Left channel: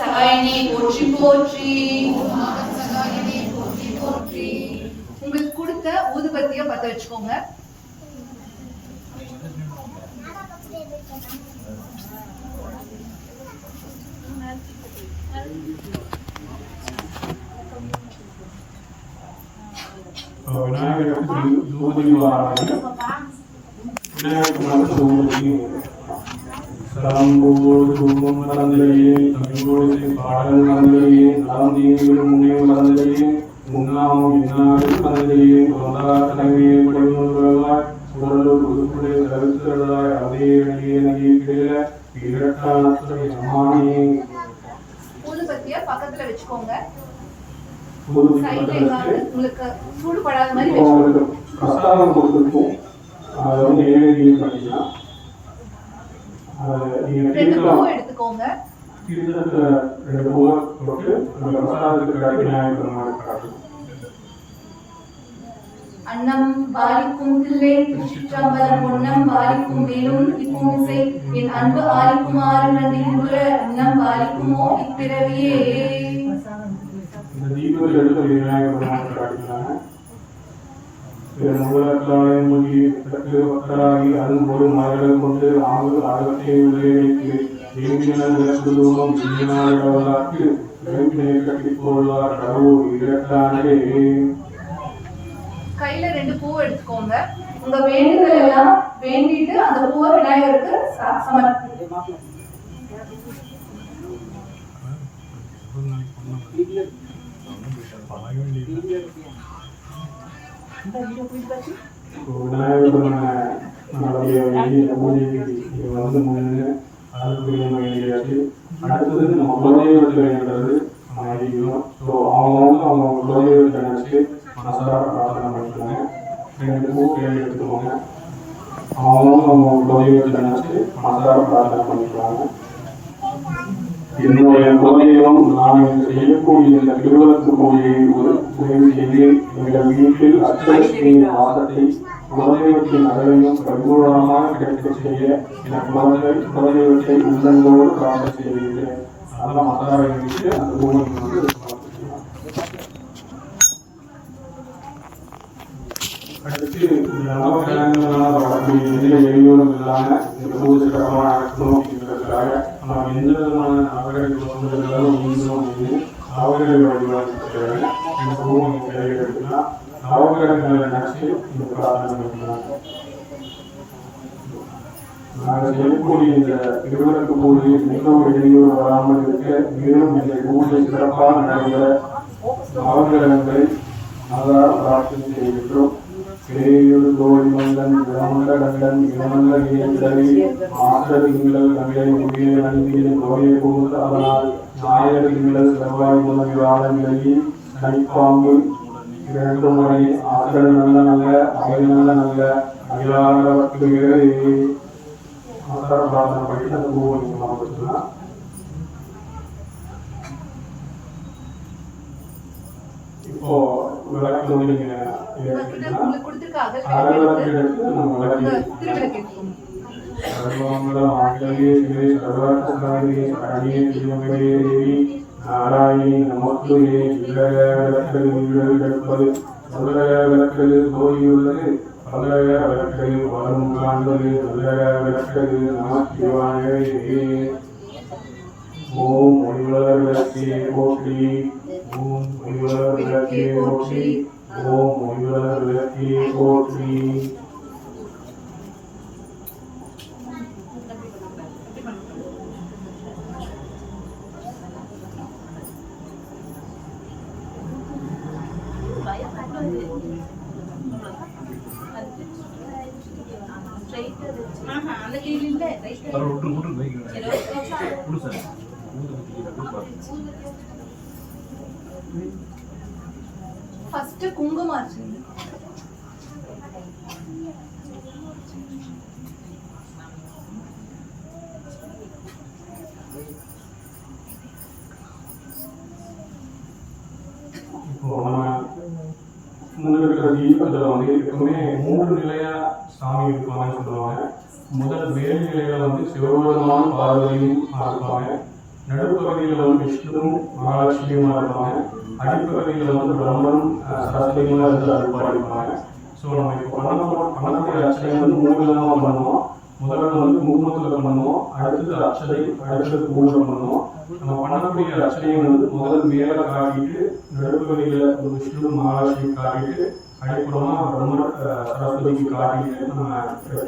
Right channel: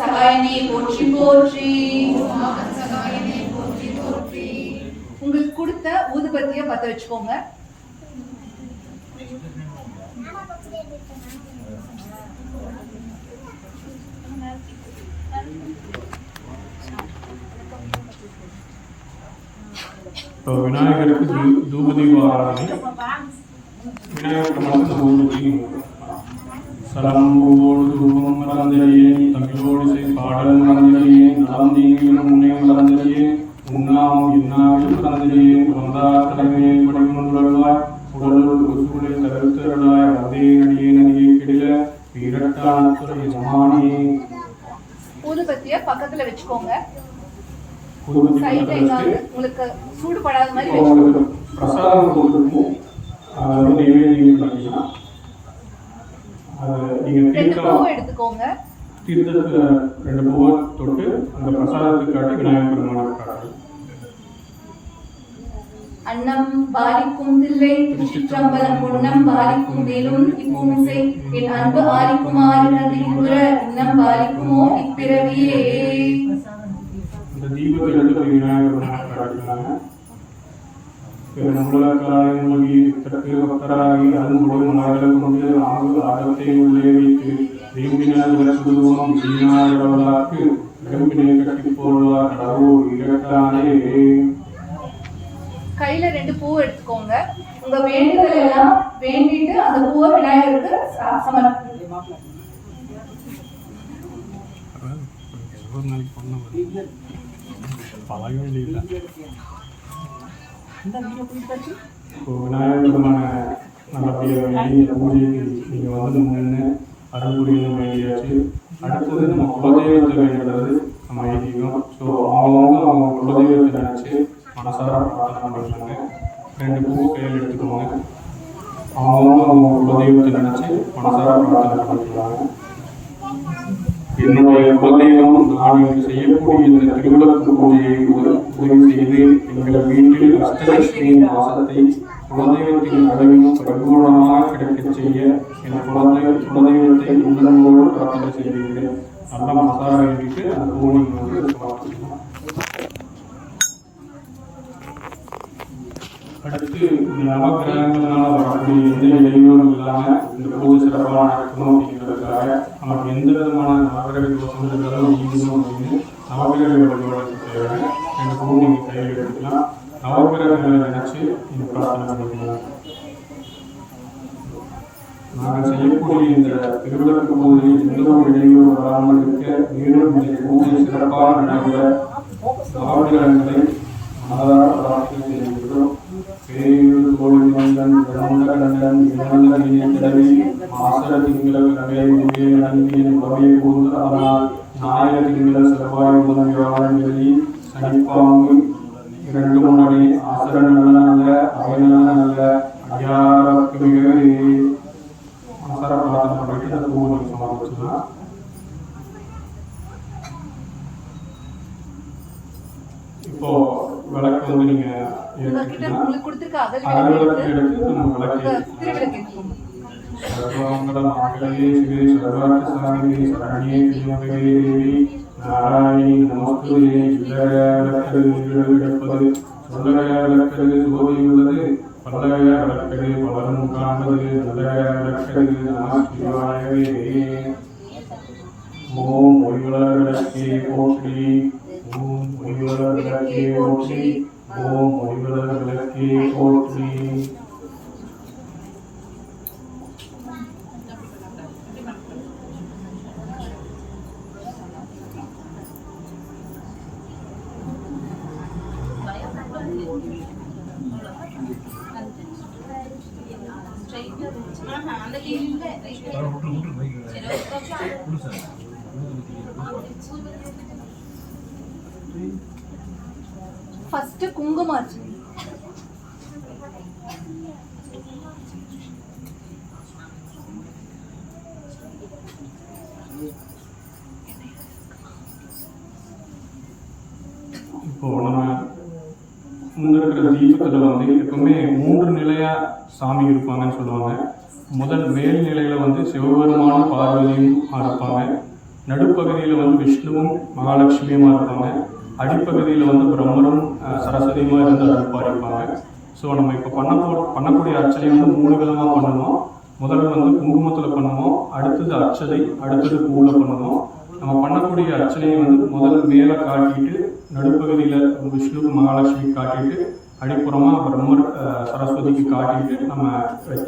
சகாயனே போற்றி போற்றி. உங்களுக்கு கொடுத்த ஊதுபத்திய பத்த வச்சுக்கோங்க. விநாயகருக்கு தூபதி விநாயகருக்கு சலம்போடு தூபம் மறந்தலையே தமிழோடு பாடல் மறந்தலையே நலந்தீங்களும் முன்னே மறந்தலையே முன்னாமும் இந்நாடு மறந்தலையே வந்தார் தலைமையை பணிமொன்றாய் உடலோடு உறுப்புடைய கருத்துள்ளாய் அதே அடியே நகையை கிடையில இரட்டானத்துறை சம்மானியே. ஊதுபத்திய பக்கத்துல வச்சுக்கோங்க. உங்களுக்கு சூடுபடாத மாதிரி பிரசாதம் கொடுத்துருக்கோம். அதை வந்து ஏழு பண்ணிக்கலாம். எடுத்துக்கோங்க. தீர்த்தத்துல 2 பூவை தொட்டு அந்த பிரசாதத்துக்கு கிடைக்கும் விநாயகர் பெருமாள் காட்டும். அன்னம் பாலிக்கும் தில்லை திருச்சிற்றம்பலம் பொன்னம் பாலிக்கும் மேலும் இப்பூசை என் அன்பு ஆலிக்குமாறு நன்றியுற அன்னம் பாலிக்குமோ இப்பிறவியே. இந்த தீபத்தில் எடுத்து விநாயகர் பெருமாள் காட்டினாங்க. மூலத்தாலே மொழி கிழக்கு பக்தராகி அதுவும் ஒரு மரங்கள் கொண்டு ஆர்வத்தை உள்ளே வைத்து தேவியினால் விளக்குதுவம் வீணால் இடவல்லாக்கு நெருப்பினை கட்டி போடுவார் கடவு இரட்டானே. கையில 2 பூ எடுத்துக்கோங்க. உங்க வேண்டுதல் எல்லாம் வேண்டிட்டு அந்த பூவை விநாயகருக்கு சமர்ப்பிக்கணும். விநாயகர் பூஜைக்கு நீங்க வந்து முன்னு அருள்புரிய வேண்டியாச்சு. அடுத்தது நம்ம குலதெய்வத்தை வேண்டுறது நம்ம ஐதீகம். ஸோ அவங்க குலதெய்வத்தை நினைச்சு மனசார பிரார்த்தனை பண்ணிக்கிறாங்க. 2 பூ கையில் எடுத்துக்கோங்க. அவங்க குலதெய்வத்தை நினைச்சு மனசார பிரார்த்தனை பண்ணிக்கிறாங்க. என்னுடைய குலதெய்வம் நான் செய்யக்கூடிய இந்த திருவிளக்கு பூஜையை ஒரு உதவி செய்து எங்கள் வீட்டில் அஷ்டலட்சுமியின் வாசத்தை குலதெய்வத்தின் அகலையும் பரிபூர்ணமாக கிடைக்க செய்ய எனக்கு குலதெய்வத்தை உள்ளங்கோடு பிரார்த்தனை செய்கிறேன். நல்லா மசாலா வைத்து அந்த பூவை வந்து பார்த்துக்கலாம். அடுத்து நவக்கிழங்குகளால் வரக்கூடிய எந்த இடையூறும் இல்லாமல் இந்த பூஜை சிறப்பாக நடக்கணும் அப்படிங்கிறதுக்காக நம்ம எந்த விதமான நவகிரக தோன்றல்களும் ஈடுபடும் அப்படின்னு நவகிரக வழிபாடு செய்வாங்க. இந்த பூவை நீங்கள் கையில் எடுத்துக்கலாம். நவகிரகங்களை நினைச்சு இந்த பிரார்த்தனை பண்ணிக்கலாம். நாங்கள் செய்யக்கூடிய இந்த திருவிளக்கு பூஜையில் எந்த ஒரு இடையூறு வராமல் இருக்க மேலும் இந்த பூஜை சிறப்பாக நடைபெற நவகிரகங்களை மனதார பிரார்த்தனை செய்கின்றோம். பேயூர் தோழி மந்தன் இடமுண்ட கண்டன் இடமல்ல கிடவி மாஸ்டர் திங்கள் நகை முகே நன்றியை குறையை கூர்ந்து அதனால் ஞாயிறு திங்கள் செவ்வாய் முதல் வியாழன் விலகி சனிப்பாம்பு 2 முறை ஆசடு நல்ல நல்ல அவை நல்ல நல்ல அகிலாரவர்க்கு மாஸ்டர் பிரார்த்தனை பண்ணிட்டு அந்த பூவை சொல்லாமல் வச்சுக்கலாம். இப்போ விளக்கு வந்து நீங்க அகல்விளக்கு எடுத்து நம்ம விளக்கு நாராயணி நமத்துயே விளக்கு சொல்லக விளக்கு நோயுள்ளது பல்லக விளக்கு வரும் காண்பது நல்லக விளக்கு நம சிவாயே. ஓம் ஒளிவளர் விளக்கே போற்றி. ஓம் ஒளிவளர் விளக்கே போற்றி. ஓம் ஒளிவளர் விளக்கே போற்றி. ஃபர்ஸ்ட் குங்குமார்ச்சனை. தீபத்துல வந்து எப்பவுமே 3 நிலையா சாமி இருப்பாங்கன்னு சொல்லுவாங்க. முதல் மேல் நிலையில வந்து சிவபெருமான் பார்வதியும் இருப்பாங்க. நடுப்பகுதியில் வந்து விஷ்ணுவும் மகாலட்சுமியும் இருப்பாங்க. அடிப்பகுதியில் வந்து பிரம்மனும் சரஸ்வதியுமா இருந்து அருள்பாலிப்பாங்க. ஸோ நம்ம இப்போ பண்ணக்கூடிய அர்ச்சனை வந்து 3 விதமாக பண்ணுவோம். முதல்ல வந்து குங்குமத்தில் பண்ணுவோம், அடுத்தது அர்ச்சனை, அடுத்தது பூவில் பண்ணுவோம். நம்ம பண்ணக்கூடிய அர்ச்சனையை வந்து முதல் மேலே காட்டிட்டு நடுப்பகுதியில் விஷ்ணு மகாலட்சுமி காட்டிட்டு அடிப்புறமாக பிரம்மர் சரஸ்வதிக்கு காட்டிட்டு நம்ம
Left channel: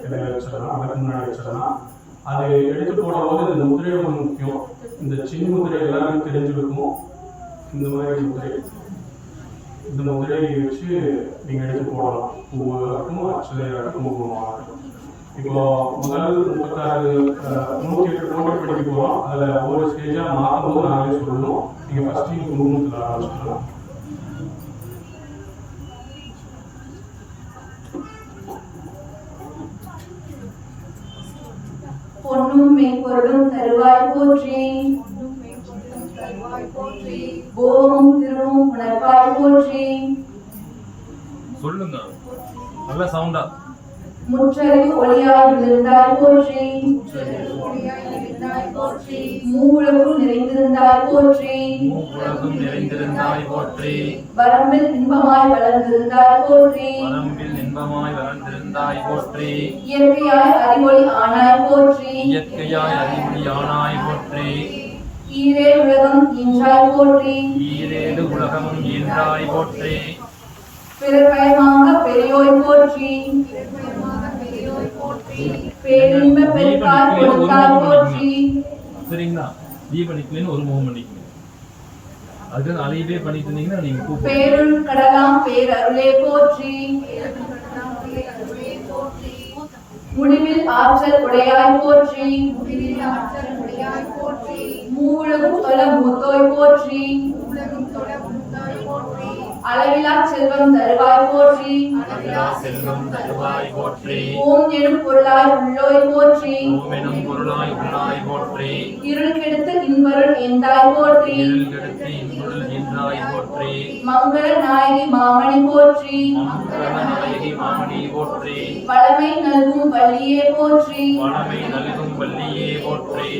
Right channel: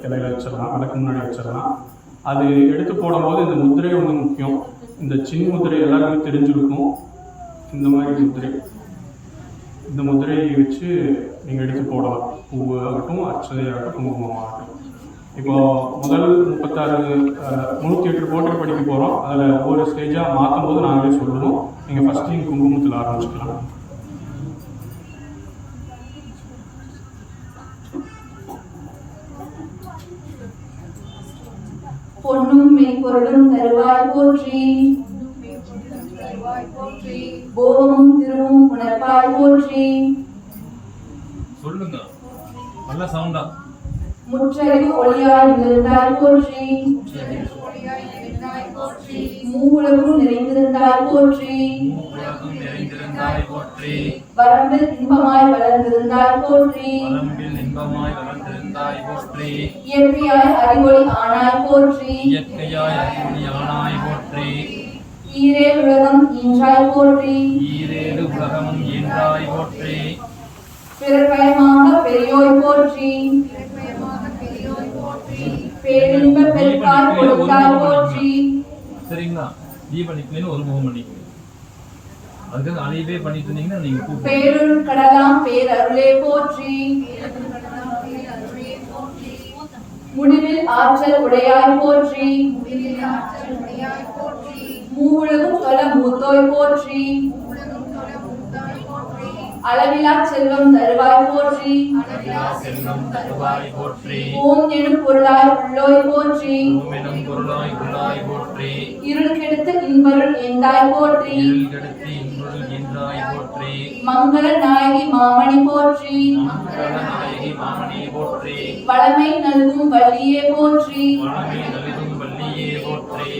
இலையில வச்சிடலாம், அதுக்கு முன்னாடி வச்சிடலாம். அது எடுத்து போடும்போது இந்த முதிரை வந்து முக்கியம். இந்த சின்ன முதிரை எல்லாருக்கும் தெரிஞ்சிருக்கும். இந்த மாதிரி முதிரை, இந்த முதிரையை வச்சு நீங்கள் எடுத்து போடலாம். பூவாகட்டும், அர்ச்சனையாகட்டும், குங்குமமாகட்டும். இப்போ முதல் 36 108 போட்டு படிக்க போகிறோம். அதில் ஒவ்வொரு ஸ்டேஜாக மாற்றும் போது நாங்களே சொல்லணும். நீங்கள் ஃபஸ்ட்டு நீங்கள் குங்குமத்தில் ஆரம்பிச்சுக்கலாம். பொன்னும் மெய்ப்பொருளும் தருவாய் போற்றி, கோமும் திருவும் உணர்வாய் போற்றி. சொல்லுங்க நல்ல சவுண்டா. முற்றறிவு ஒளியாய் விழுந்தாய் போற்றி, மூலமும் நிறைந்திருந்தாய் போற்றி, மூலகம் நிறைந்திருந்தாய் போற்றி, வரம்பில் இன்பமாய் வளர்ந்திருந்தாய் போற்றி, வரம்பில் இன்பமாய் வளர்ந்திருந்தாய் போற்றி, இயற்கையாய் அறிவொளி ஆனாய் போற்றி, இயற்கையாய் அறிவொளி ஆனாய் போற்றி, ஈரேழு உலகம் ஈன்றாய் போற்றி, ஈரேழு உலகம் ஈன்றாய் போற்றி, பிறப்பயமாக பெரியோய் போற்றி, பேரின்ப பெருக்காய் கொடுத்தாய் போற்றி. சரிங்களா? தீபனிக்கலன்னு ஒரு முகம் பண்ணிக்கணும். அதுக்கு அதையவே பண்ணிட்டு இருந்தீங்கன்னா நீங்க கூப்பிடுங்க. பேருள் கடலாம் பேரருளே போற்றி, முடிவில் ஆற்றல் உடையாய் போற்றி, மூலகும் தொல மூத்தோய் போற்றி, அளவிலா செல்வம் தருவாய் போற்றி, செல்வம் தருவாய் போற்றி, ஓம் எனும் பொருளாய் உள்ளோய் போற்றி, ஓம் எனும் பொருளாய் உள்ளாய் போற்றி, இருள் கெடுத்து இன்பருள் எந்தாய் போற்றி, இருள் கெடுத்து இன்பொருள் ஈன்றாய் போற்றி, மங்கள நாயகி மாமணி போற்றி, மங்கள நாயகி மாமணி போற்றி, வளமை நல்கும் வள்ளியே போற்றி, வளமை நல்கும் வள்ளியே போற்றி,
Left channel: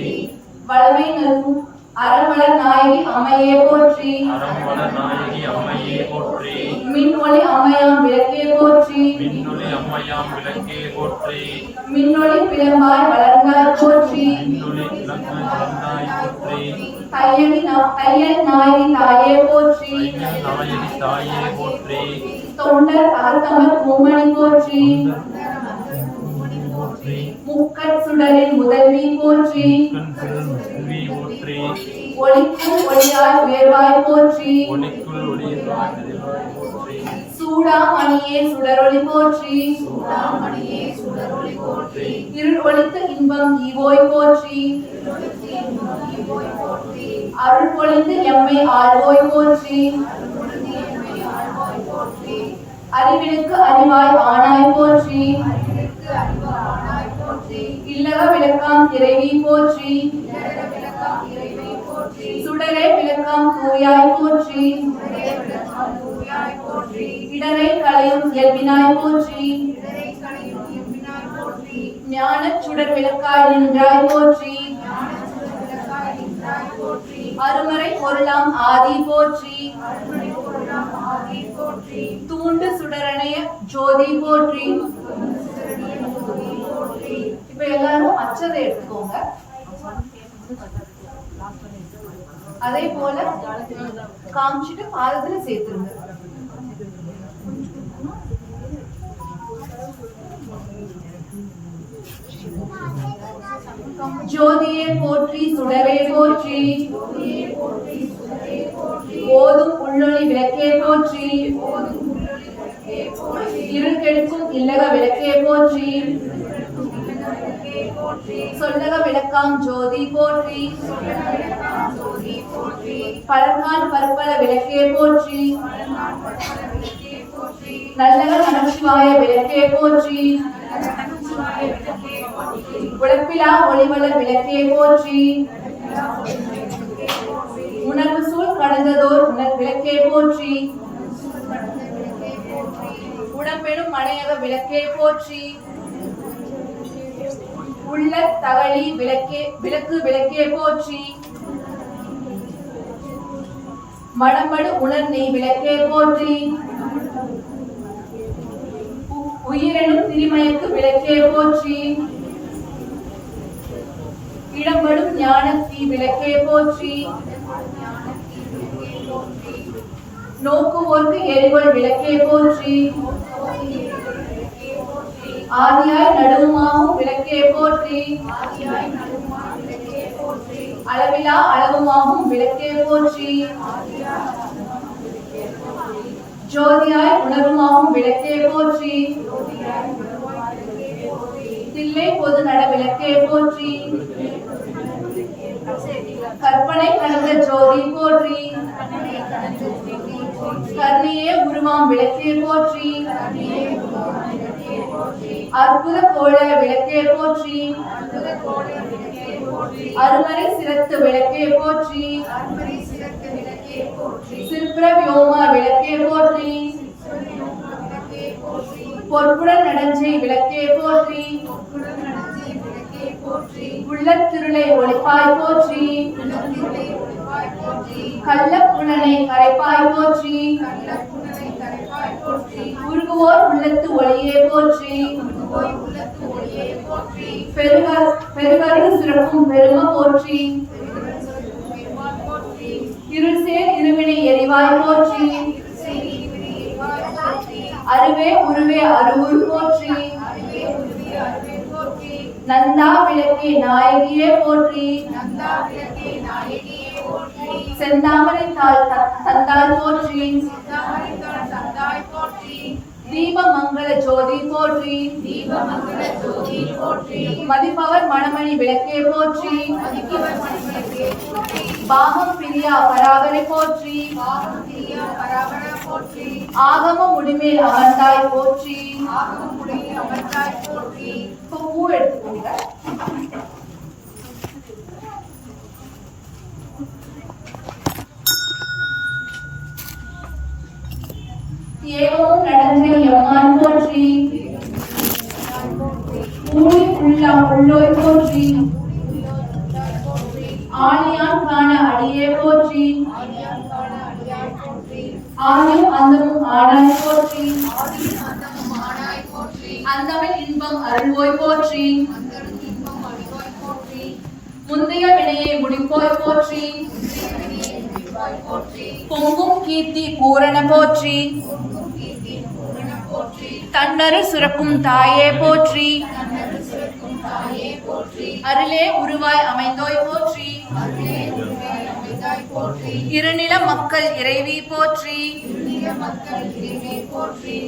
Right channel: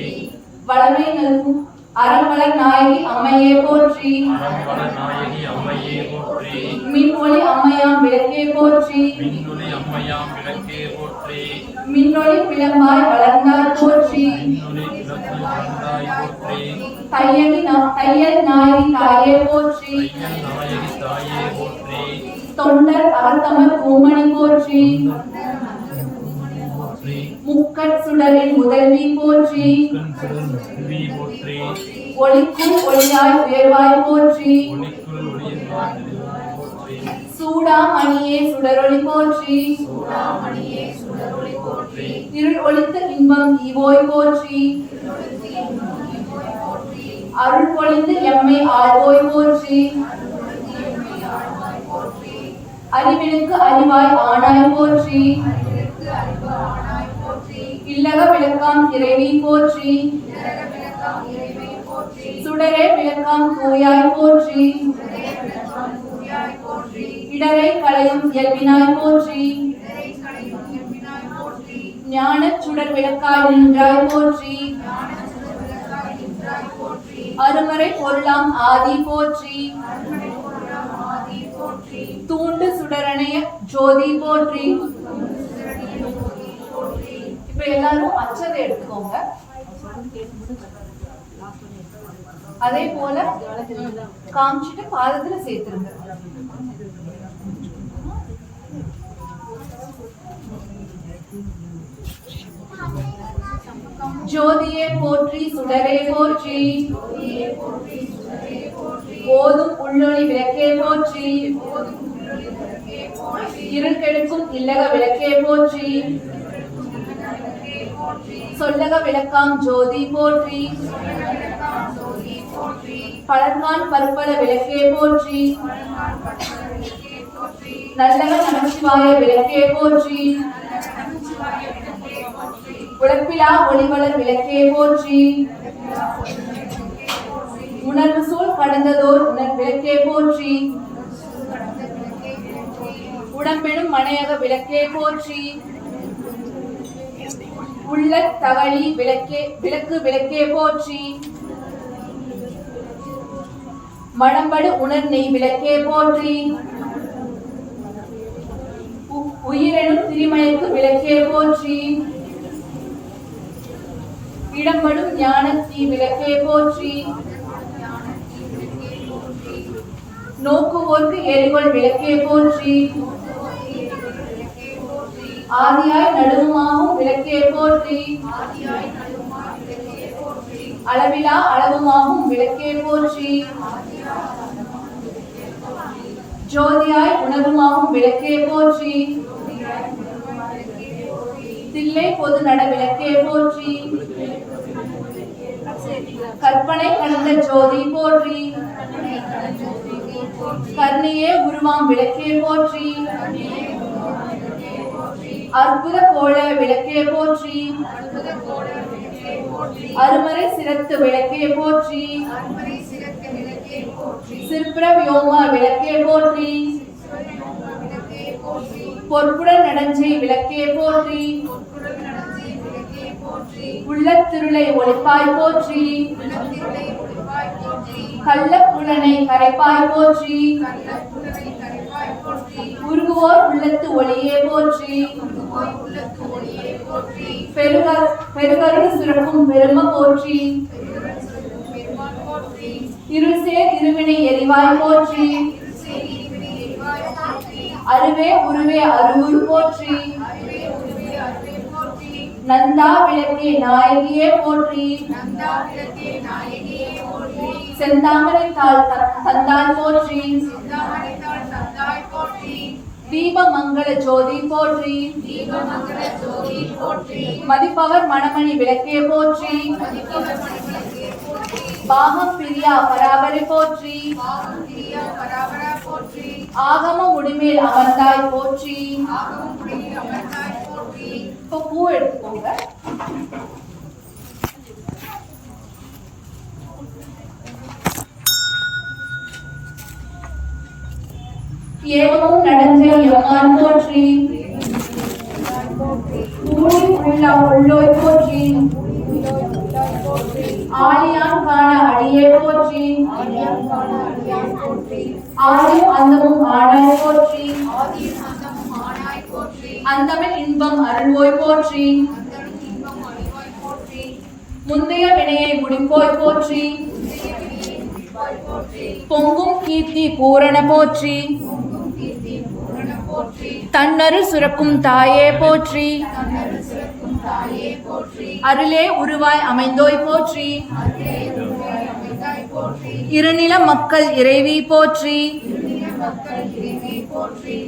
வளமை நல்கும் அறமலர் நாயகி அம்மையே போற்றி, அறம்பலர் நாயகி அம்மையே போற்றி, மின்ஒளி அம்மையாம் விளக்கே போற்றி, மின்னொளி அம்மையாம் விளக்கே போற்றி, மின்னொளி பிளம்பாய் வளர்ந்தாய் போற்றி, மின்னொளி விளக்கு வந்தாய் போற்றி, தையல் நாயகி தாயே போற்றி, நாயகி தாயே போற்றி, தொண்டர் அகத்தமர் பூமணி போற்றி, போற்றி, முக்கட் சுடரின் முதல்வி போற்றி, கண் சிறன் செல்வி போற்றி, ஒளிக்கும் ஒளியாய் உயர்வாய் போற்றி, ஒளிக்குள் ஒளியின்றாய் நிறைவாய் போற்றி, சூடாமணியே சுடரொளி போற்றி, இருள் ஒளித்து இன்பம் ஈவோய் போற்றி, அருள் பொழிந்து எம்மை ஆழ்வோய் போற்றி, அறிவினுக்கு அறிவாய் ஆனாய் போற்றி, இல்லக விளக்காம் இறைவி போற்றி, சுடரே விளக்காம் தூயாய் போற்றி, இடரை களையும் இயல்பினாய் போற்றி, ஞான சுடர் விளக்காய் நின்றாய் போற்றி, அருமறை பொருளாம் ஆதி போற்றி, தூண்டு சுடரணைய ஜோதி போற்றி. இப்ப எல்லாரும் அச்சதை எடுத்துக்கோங்க. அதே போல காமிச்சிட்டு பாதத்துல சேர்த்துருங்க. ஜோதியே போற்றி, சுடரே போற்றி, ஓதும் உள்ளொளி விளக்கே போற்றி, இருள் கெடுக்கும் இல்லக விளக்கே போற்றி, சொல்லக விளக்காம் ஜோதி போற்றி, பழங்கான் பற்பல விளக்கே போற்றி, நல்லக நமச்சிவாய விளக்கே போற்றி, உழைப்பிலா ஒளிவளர் விளக்கே போற்றி, உணர்வு சூழ் கடந்ததோர் உணர் விளக்கே போற்றி, உடம்பெடும் மனையக விளக்கே போற்றி, உள்ள தகழி விளக்கு விளக்கே போற்றி, மணம்படு உணர் நெய் விளக்கே போற்றி. உயிரெனும் திருமயக்கு விளக்கே போற்றி. இடம்படும் ஞானத்தீ விளக்கே போற்றி. நோக்குவோர்க்கு எரிவல் விளக்கே போற்றி. ஆதியாய் நடுவுமாகும் விளக்கே போற்றி. அளவிலா அளவுமாகும் விளக்கே போற்றி. ஜோதியாய் உணர்வுமாகும் விளக்கே போற்றி. தில்லை பொது நட விளக்கே போற்றி. கற்பனை கலந்த ஜோதி போற்றி. கர்ணியே உருவாம் விளக்கே போற்றி. அற்புத கோல விளக்கே போற்றி. அருமறை சிரத்து விளக்கே போற்றி. சிற்பர வியோம விளக்கே போற்றி. பொற்புடன் நடஞ்சி விளக்கே போற்றி. உள்ளத்திருளை ஒளிப்பாய் போற்றி. கள்ளப்புலனை கரைப்பாய் போற்றி. உருகுவோர் உள்ளத்து ஒளியே போற்றி. பெருகரு சுரக்கும் பெரும போற்றி. இருசேர் இருவினை எரிவாய் போற்றி. அருவே உருவே அருவுரு போற்றி. நந்தா விளக்கே நாயகியே போற்றி. செந்தாமரை தாள் தந்தாள் போற்றி. தீப மங்கள ஜோதி போற்றி. மதிப்பவர் மணமணி விளக்கே போற்றி. பாகம் பிரியா பராபரை போற்றி. ஆகம முடிமேல் அமர்ந்தாய் போற்றி. இப்போ பூ எடுத்துக்கோங்க. ஏவமும் நடந்தே எம்மான் போற்றி. ஊழி உள்ளோய் போற்றி. ஆழியான் காண அடியே போற்றி. ஆதியும் அந்தமும் ஆனாய் போற்றி. அந்தமில் இன்பம் அருள்வோய் போற்றி. முந்தைய வினையை முடிப்போய் போற்றி. பொங்கும் கீர்த்தி பூரண போற்றி. தன்னரு சுரக்கும் தாயே போற்றி. அருளே உருவாய் அமைந்தோய் போற்றி. இருநில மக்கள் இறைவி போற்றி.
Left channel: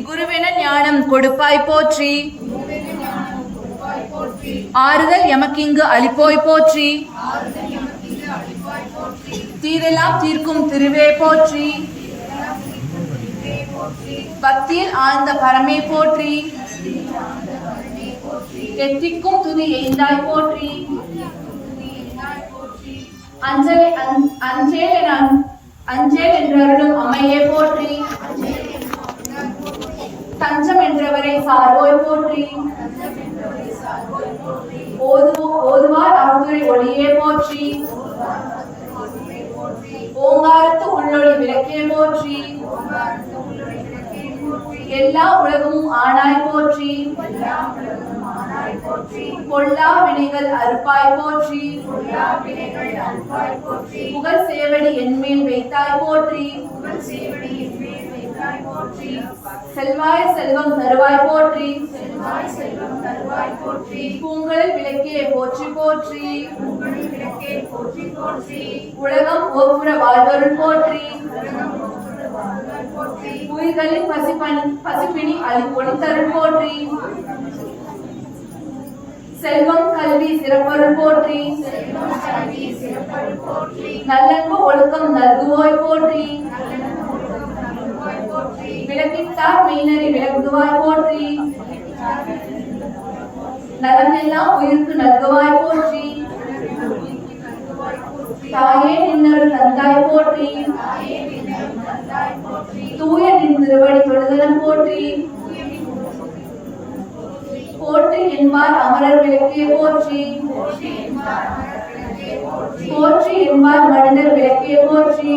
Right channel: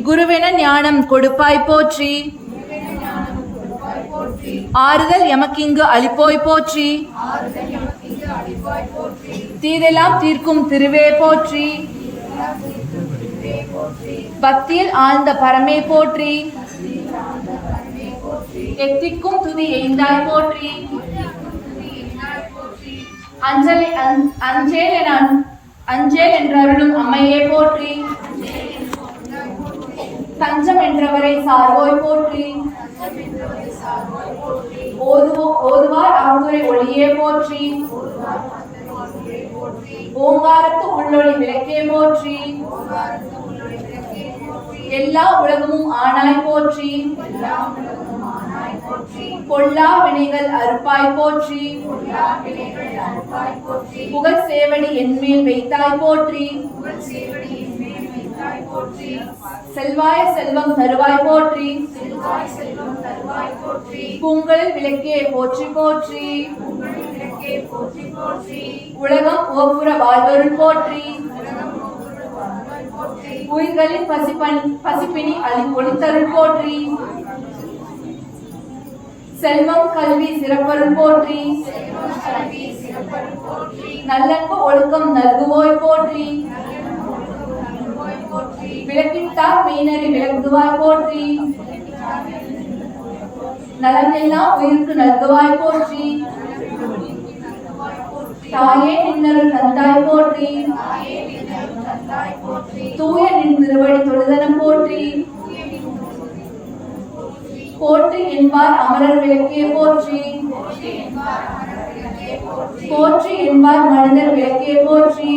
குருவென ஞானம் கொடுப்பாய் போற்றி. ஆறுதல் எமக்கிங்கு அளிப்போய் போற்றி. தீதெல்லாம் தீர்க்கும் திருவே போற்றி. பக்தியில் ஆழ்ந்த பரமே போற்றி. எத்திக்கும் துதி எய்ந்தாய் போற்றி. அஞ்சேல் என்றருளும் அமையே போற்றி. தஞ்சம் என்றவரை சார்வோய் போற்றி. ஓதுவார் அருதுரை ஒளியே போற்றி. ஓங்காரத்து உள்ளொளி விளக்கே போற்றி. எல்லா உலகமும் ஆனாய் போற்றி. பொல்லா வினைகள் அறுப்பாய் போற்றி. புகழ் சேவடி என்மேல் வைத்தாய் போற்றி. செல்வாய செல்வம் தருவாய் போற்றி. பூங்கலில் விளக்கே போற்றி போற்றி. உலகம் ஓப்புற வாழ்வருள் போற்றி. உயிர்களின் பசிப்பினி ஒளித்தருள் போற்றி. செல்வம் கல்வி சிறப்பருள் போற்றி. நல்லன்பு ஒழுக்கம் நல்குவோய் போற்றி. விளக்கித்தார் மெய்நறி விளக்குவாய் போற்றி. நலம் எல்லாம் உயிருக்கு நல்குவாய் போற்றி. தாயே நின்னருள் தந்தாய் போற்றி. தூய நின் திருவடி தொழுதலம் போற்றி. போற்றி என்பார் அமரர் விளக்கே போற்றி. போற்றி என்பார் மனிதர் விளக்கே போற்றி.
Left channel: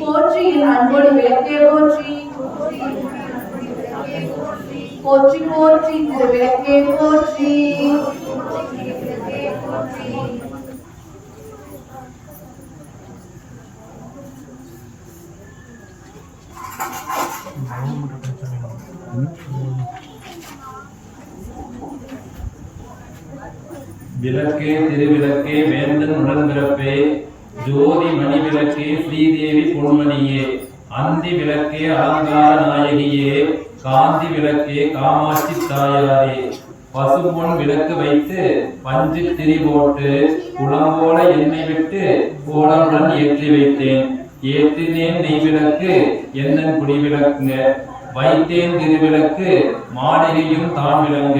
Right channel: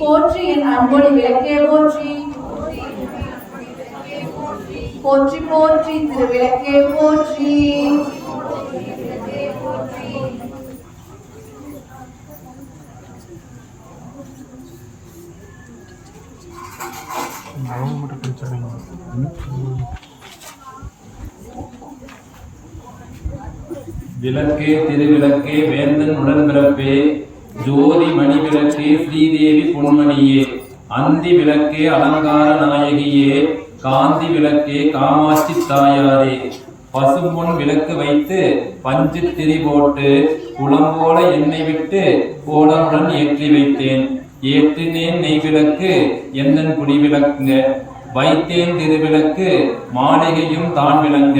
போற்றி என் அன்பொழி விளக்கே போற்றி. போற்றி போற்றி திருவிளக்கே போற்றி. விளக்கே திருவிளக்கே வேந்தன் உடன்பிறப்பே ஜோதி மணி விளக்கே ஸ்ரீதேவி பொன்மணியே அந்தி விளக்கே அலங்கார நாயகியே காந்தி விளக்கே காமாட்சி தாயாரே பசும்பொன் விளக்கு வைத்து பஞ்சு திரி போட்டு குளம்போல எண்ணெய் விட்டு கோலமுடன் ஏற்றி வைத்தேன். ஏற்றினேன் நெய் விளக்கு எந்தன் குடி விளக்குங்க வைத்தேன் திருவிளக்கு மாளிகையும் தான் விளங்க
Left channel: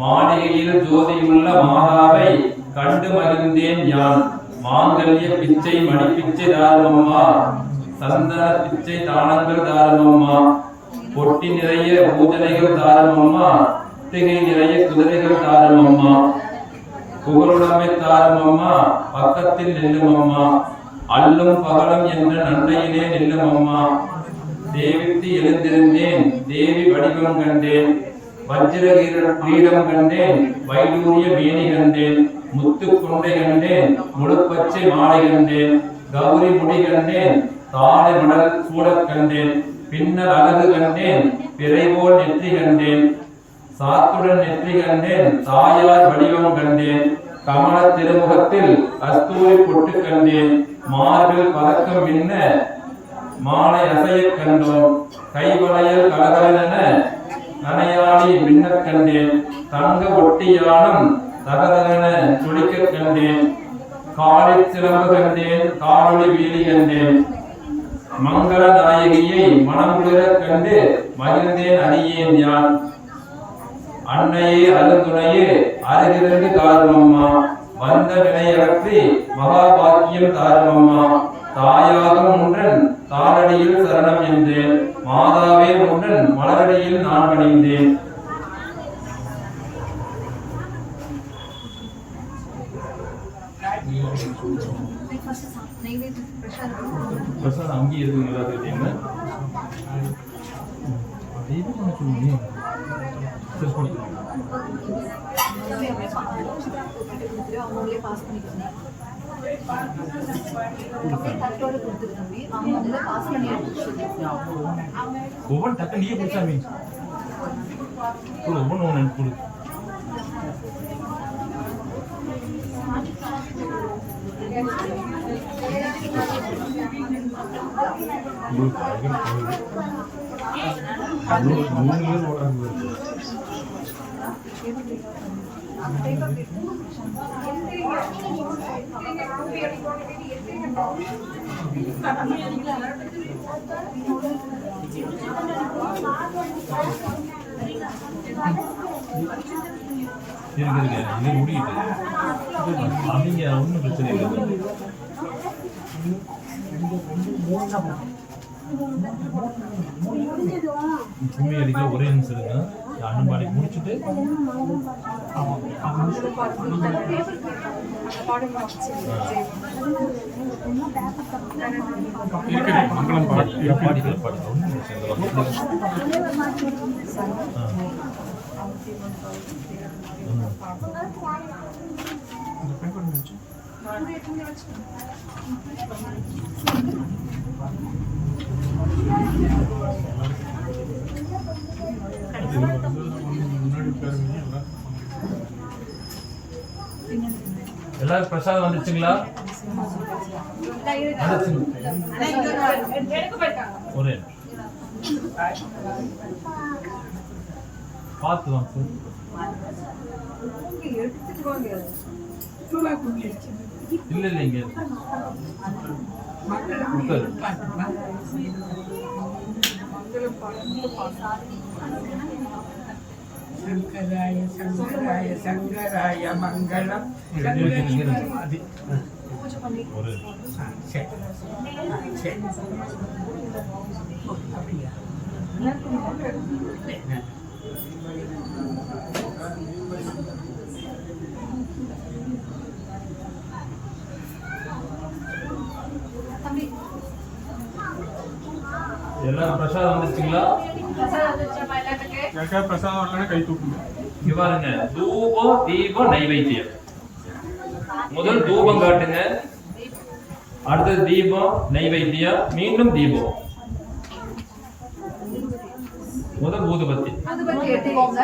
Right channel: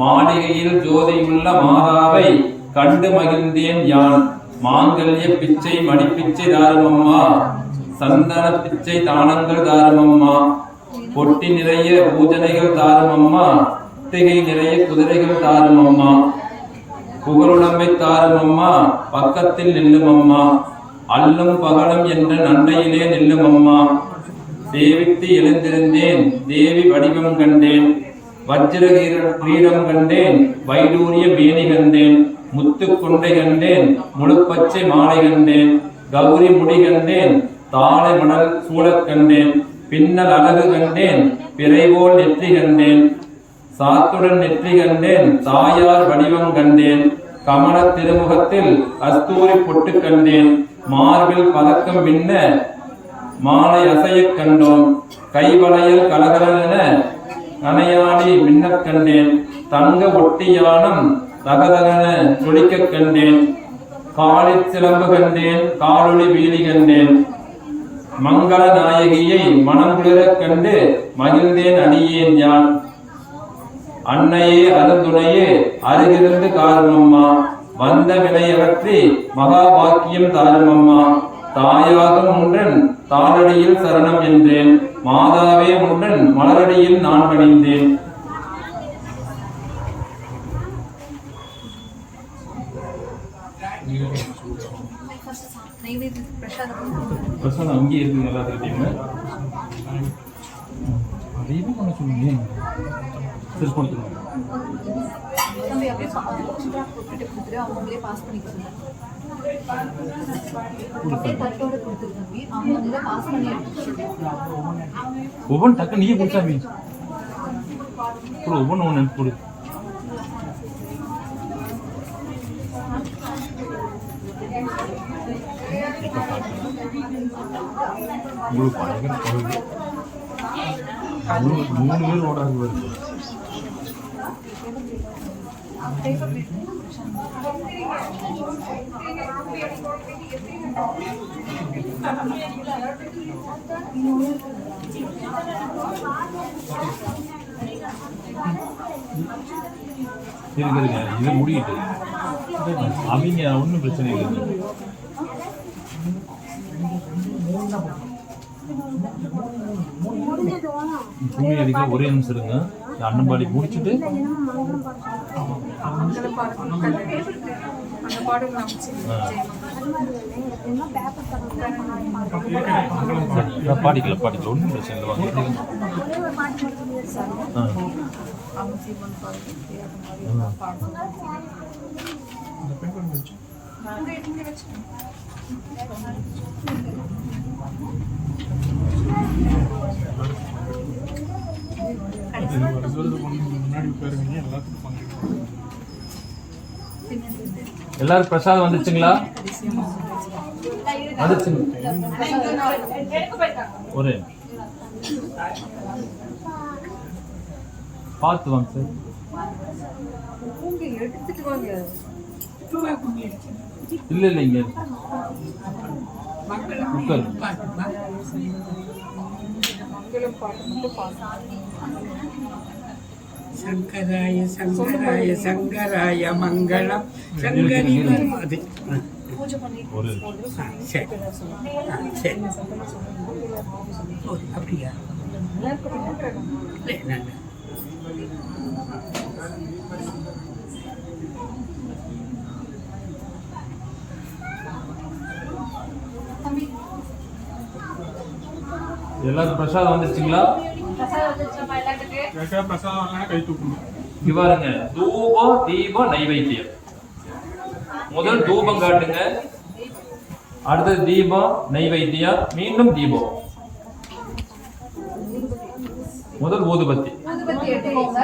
மாளிகையில் ஜோதியுள்ள மாதாவை கண்டு மகிழ்ந்தேன் யான். மாங்கல்ய பிச்சை மணிப்பிச்சை தாருமம்மா சந்தன பிச்சை தானங்கள் தாருமம்மா பொட்டி நிறைய பூஜனைகள் தாருமம்மா திகை நிறைய குதிரைகள் தாருமம்மா புகழுடமை தாருமம்மா பக்கத்தில் நில்லுமம்மா அல்லும் பகலும் என்ற நன்மையிலே நில்லுமம்மா. தேவித்து எழுந்திருந்தேன் தேவி வடிவம் கண்டேன் வஜ்ர கிரீடம் கண்டேன் வைடூரிய மேனி கண்டேன் முத்து கொண்டை கண்டேன் முழுப்பச்சை மாலை கண்டேன் கௌரி முடி கண்டேன் தாளை மணல் சூழக் கண்டேன் பின்னல் அழகு கண்டேன் பிறைபோல் நெற்றி கண்டேன் சாத்துடன் நெற்றி கண்டேன் தாயார் வடிவம் கண்டேன் கமல திருமுகத்தில் கஸ்தூரி பொட்டு கண்டேன் மார்பில் பதக்கம் மின்ன மாலை அசையக் கண்டோம் கைவளையல் கலகலென நனையாடி மின்னக் கண்டேன் தங்க ஒட்டியானம் தகதகன துடிக்கக் கண்டேன் காலிற் சிலம்பு கண்டேன் காலொளி வீழி கண்டேன் மங்கள நாயகியை மனம் குளிரக் கண்டு மகிழ்ந்தேன் அடியேன் யான். அன்னையே அருந்துணையே அருகிருந்து காருமம்மா வந்த வினையகற்றி மகாபாக்கியம் தாருமம்மா. தாயாகும் முன்றன் தாளடியில் சரணம் என்றேன் மாதாவே முன்றன் மலரடியில் நான் பணிந்தேன். பிரசாதம் அங்கே இருக்குங்க எல்லாத்துக்கிட்டையுமே சரி கொடுத்துருவோம். ஒவ்வொன்று டக்கு நீயே கொடுத்தா மீன் ஒவ்வொன்று ஒன்று கொடு. இருக்குதுங்க இது முடியுது அவங்க ஒன்றும் பிரச்சனை இல்லை. துணி அடிக்க ஒரே நிமிஷம் இருங்க அண்ணன்பாடி முடிச்சுட்டு பாடிக்கல பாடிக்கல ஒன்றும் பிரச்சனை எல்லாரும் பிரசாதம் வந்துச்சுங்களா? வந்துச்சுங்க ஒரு பார்த்து வாங்க சார். இல்ல இல்ல இங்க சங்கராய சங்கராய சங்கராய மங்களம் சங்கரி அது ஒரு சரி சரி அப்படியா எல்லாரும் பிரசாதம் வந்துருச்சுங்களா? பிரசாதம் வரலன்னா கை தூக்குங்க. இங்க பாருங்க, தூபம் தீபம் நைவேத்தியம். முதல் தூபம் காட்டுங்க, அடுத்தது தீபம் நைவேத்தியம், மீண்டும் தீபம், முதல் ஊதுபத்தி. ஊதுபத்தி எடுத்துக்கோங்க.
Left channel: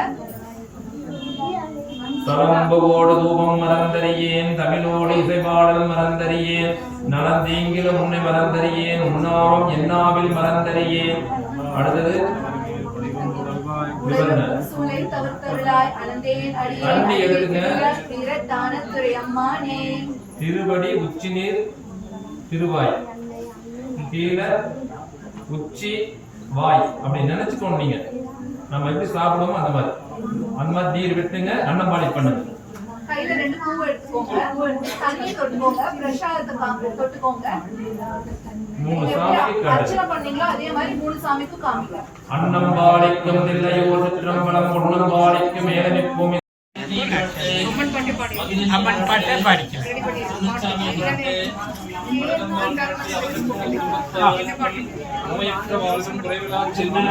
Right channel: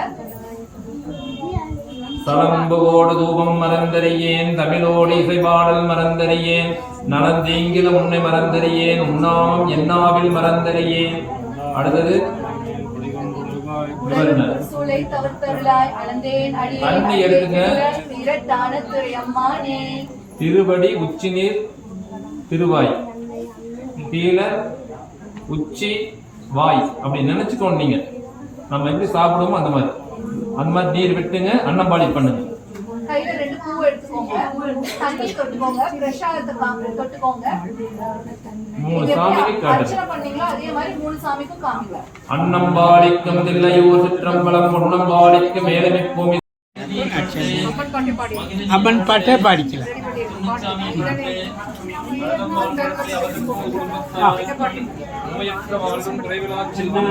தலம்புவோடு தூபம் மறந்தறியேன், தமிழோடு இசைபாடல் மறந்தறியேன், நலந்தீங்கிலும் உன்னை மறந்தறியேன், உண்ணாம் என்னாவில் மறந்தறியேன். அடுத்தது சூளை தவிர்த்தருளாய் அளந்தேன் அண்டி அடியே எடுத்துங்க. தானத்துறை அம்மானே. திருவடி உச்சி நீர் திருவாய், கீழே உச்சி வாய் அப்படி நினைச்சுக்கோங்க. நீங்க நம்ம எப்படி சாப்பிடுவோமோ அந்த மாதிரி நீர் விட்டுங்க. அன்னம்பாளி பண்ணுங்க. கையில 2 பூ எடுத்துக்கோங்க. தண்ணி தொட்டுக்கோங்க. பிரசாதத்தை தொட்டுக்கோங்க. 3 சாமிக்கு காட்டுங்க. அர்ச்சனை பண்ணீங்களோ அதே மாதிரி 3 சாமிக்கும் காமிங்க. அன்னம்பாளிக்கும் தில்லையூர் சிற்றம்பலம் பொன்னம்பாளிக்கும் மேலமிப்பூமி அம்மன் பாட்டே பாடிக்கலாம். நோயற்ற வாழ்வும் குறைவிலா செல்வம்